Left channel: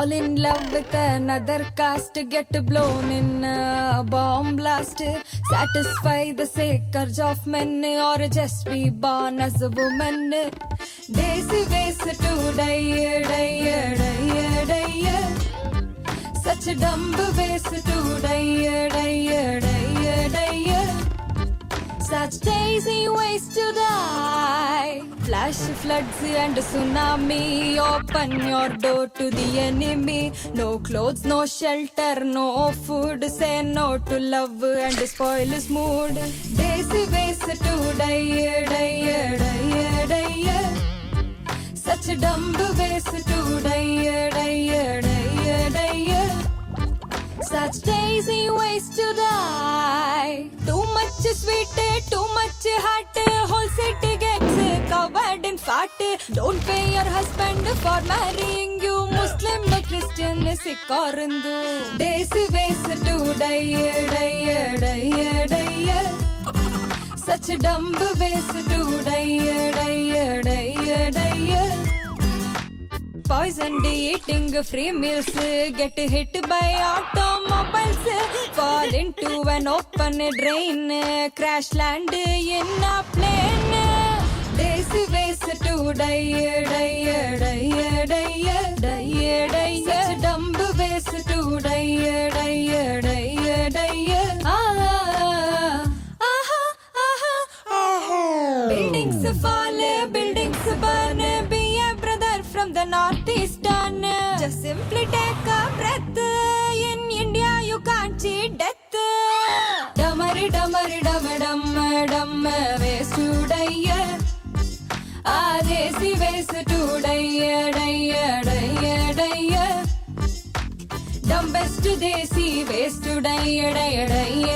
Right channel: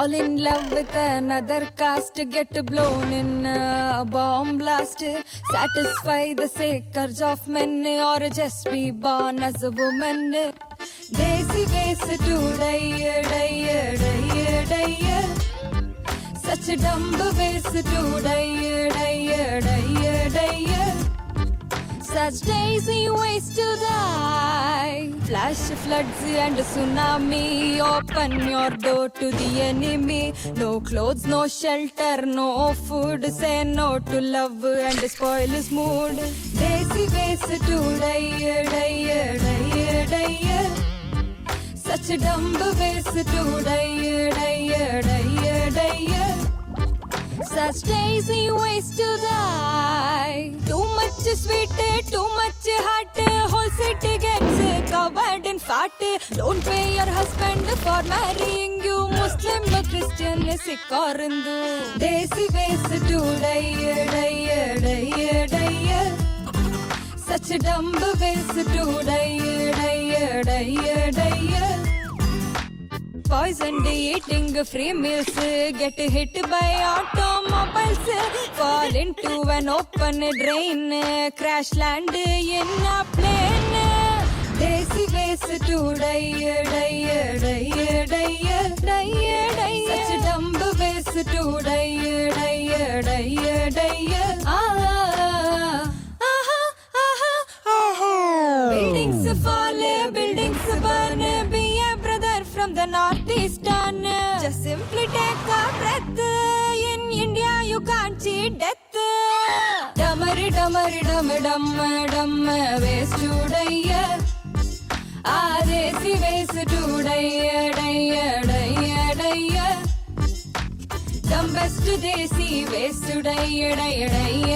Fall in love with another caste, get blown in a bomb blast. Satisfy the sake of men or just be born as a woman. Daisy ways to die, die, die, die. Such dumb ways to die, die, die, die. Such daisy ways to die. Flash floods and tsunami, open your door to the enemy. No clothes, no shelter, no food. Say no to love and spoil his mood. Daisy ways to die, die, die, die. Such dumb ways to die, die, die, die. Such lazy ways to die. Too much sweet, too much hot. Whole city gets covered in fat. Don't pay your husband for marrying you. Muslim, Christian, Sikh or Hindu. Daisy ways to die, die, die, die. Such dumb ways to die, die, die, die. Poisoned eating free meals, get hit by automobiles, fall into an open drain, crash land in a plane. Daisy ways to die, die, die, die, die, die. Such dumb ways to die, die, die, die. Buildings fall, buildings burn, be a brother from the northeastern. Just simply take a breath. In India you can't cheat death. Dummery, dummery, dummy, dum, dum, ways to die. Daisy ways to die, die, die, die. Dumbest desi ways to die, die, die.